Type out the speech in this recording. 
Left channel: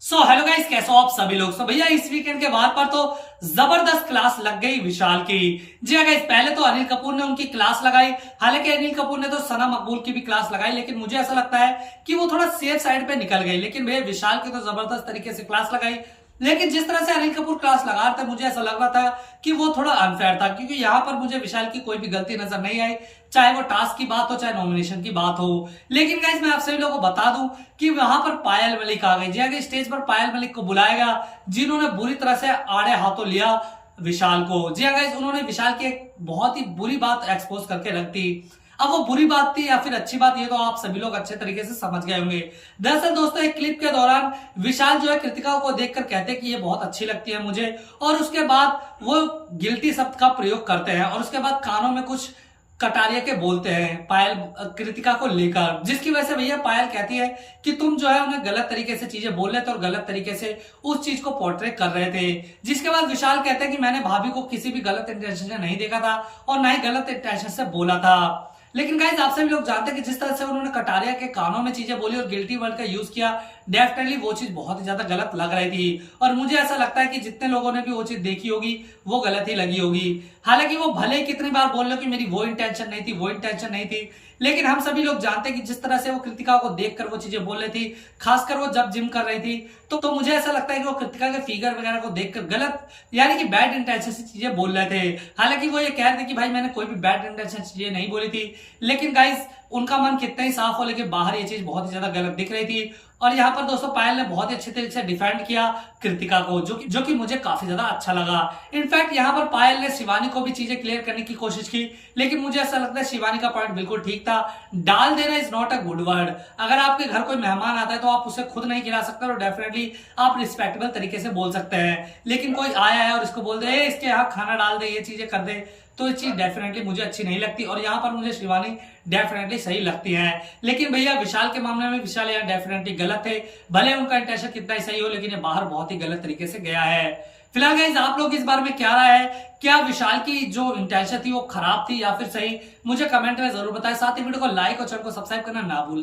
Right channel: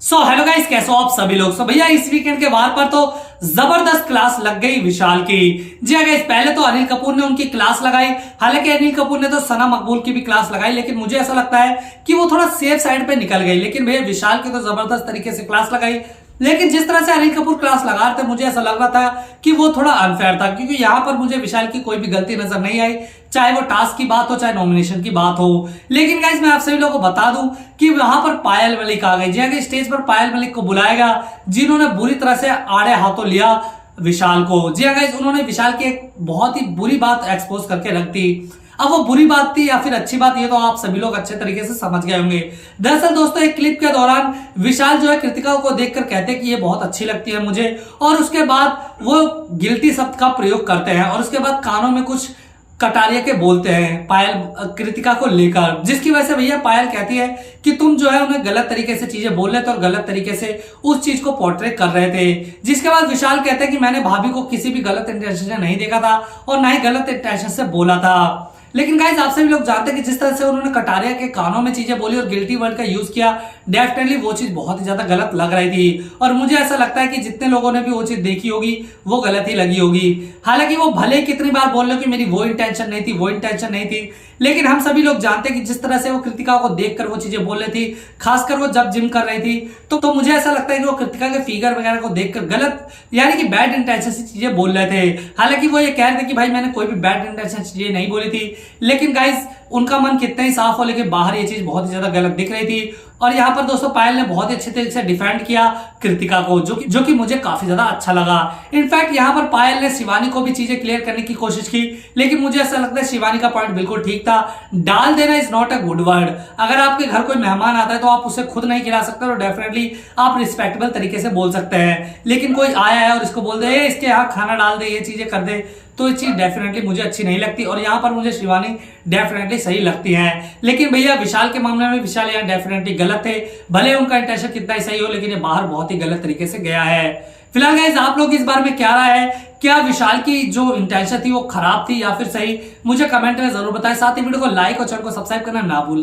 Hello guys, कैसे हो आप सभी लोग। भैया इस वीकेंड के वार पर तो जबरदस्त क्लास लग गई विशाल की। जी हाँ गाइस, पहले तो अनिल कपूर ने उनकी क्लास लगाई। हालांकि अनिल कपूर ने तो सना मकबूल की भी क्लास लगाई, लेकिन मुझे ऐसा लगता है कि वो थोड़ा सेफ साइड पे निकल गई। लेकिन भैया विशाल की तो जबरदस्त तरीके से क्लास लगाई। लेकिन जिस तरह से अनिल कपूर क्लास लगा रहे थे, मुझे ऐसा लग रहा था कि वो थोड़ा अनफेयर था, क्योंकि यहां पर मुझे विशाल की कोई भी गलती नजर नहीं आई, चाहे वो टास्क की बात हो चाहे नॉमिनेशन की बात हो। लेकिन गाइस, मैं आप सभी लोगों को बता दूं कि वहां पर पायल मलिक आ गई। जी स्टेज पर पायल मलिक को बुलाया गया, जिन्होंने बुरी तरह से आड़े हाथों लिया विशाल को। जी गाइस, उन्होंने विशाल की एक बहुत ही बुरी बात एक्सपोज करके रख दी। अब वो बुरी बात थी या फिर अच्छी बात, ये तो आप सभी लोग अच्छे तरीके से समझ गए होंगे। दरअसल दोस्तों, एक क्लिप के दौरान विशाल जो है कृतिका को देखकर कहते हैं कि ये बहुत अच्छी लगती है मुझे, और उसके बाद वो गिल्टी शब्द का प्रयोग करते हैं और उसके बाद कानों में कुछ कटारिया के बोलते हैं पायल कृतिका को लेकर, जिसकी वजह से भैया पायल कहती है कि तुम जो है उन्हें गलत तरीके से चीजें बोल रहे थे और गलत तरीके से उस चीज को पोर्ट्रे कर रहे थे। जिसके बाद विशाल कहते हैं कि मैंने भाभी को किसी भी गलत इंटेंशन से नहीं देखा था और ना ही गलत इंटेंशन से बोला था। लेकिन गाइस, आप सभी लोग जानते हैं कि जिस तरह से उन्होंने कटारिया के कानों में चीजें बोली और गिल्टी वर्ड का यूज किया, डेफिनेटली वो चीज बहुत ही ज्यादा गलत लग रही थी। और मुझे ऐसा लगता है कि जितने लोगों ने भी वो चीज देखी होगी वो गलत ही लगी होगी। हालांकि वो भले ही कितनी बार बोल रहे हो कि मेरी वो इंटेंशन नहीं थी, वो इंटेंशन नहीं थी, लेकिन हम सभी लोग जानते हैं कि जिस तरह से वो कृतिका को देखकर वो चीजें बोल रही थी, खासकर वो जब जिम कर रही थी, तो मुझे ऐसा लगता है कि वो कृतिका के फिगर वगैरह को देखकर गलत यानी कि बैड इंटेंशन से चीजें बोल रहे थे। हालांकि वो ये कह रहे थे कि भाई मैंने कोई भी बैड इंटेंशन से चीजें नहीं बोली थी, लेकिन गाइस उनका मन कितना ही साफ हो, लेकिन बाहर ये चीज बहुत ही ज्यादा गलत दिख रही थी। और यहाँ पर दोस्तों पायल ने बहुत ही अच्छे तरीके से डिफेंड किया कृतिका को, जो कि मुझे काफी ज्यादा अच्छा लगा। इनफैक्ट यहाँ पर पायल ने शिवानी को भी चीजें क्लियर करने की कोशिश की, लेकिन मुझे ऐसा लगता है शिवानी का पॉइंट बिल्कुल ठीक था। डाल देना is not a good word. अगर आपके घर कोई मेहमान आता है तो आप उसे खुद नहीं खिला सकते, और डेफिनेटली आप रिस्पेक्टेबल तरीके से बोल सकते हैं। लेकिन कोई आया है और इसको बोल दे इसके यहाँ खाना डाल दे, ये चीजें कर दे, तो ये चीज डेफिनेटली मुझे अच्छी नहीं लगती। और यहाँ पर मुझे शिवानी डेफिनेटली सही लगती है। लेकिन भैया विशाल के मामले में विशाल यहाँ डेफिनेटली गलत है। भले उनका इंटेंशन कितना ही सही हो, लेकिन ये बाहर बहुत ही गलत तरीके से गया है। फिलहाल गाइस, आप लोग इस बारे में क्या राय है? क्या विशाल की जो इंटेंशन थी वो खराब थी या फिर सही? मुझे कमेंट में जरूर बताएं। साथ ही वीडियो को लाइक और चैनल को सब्सक्राइब करना ना भूलें।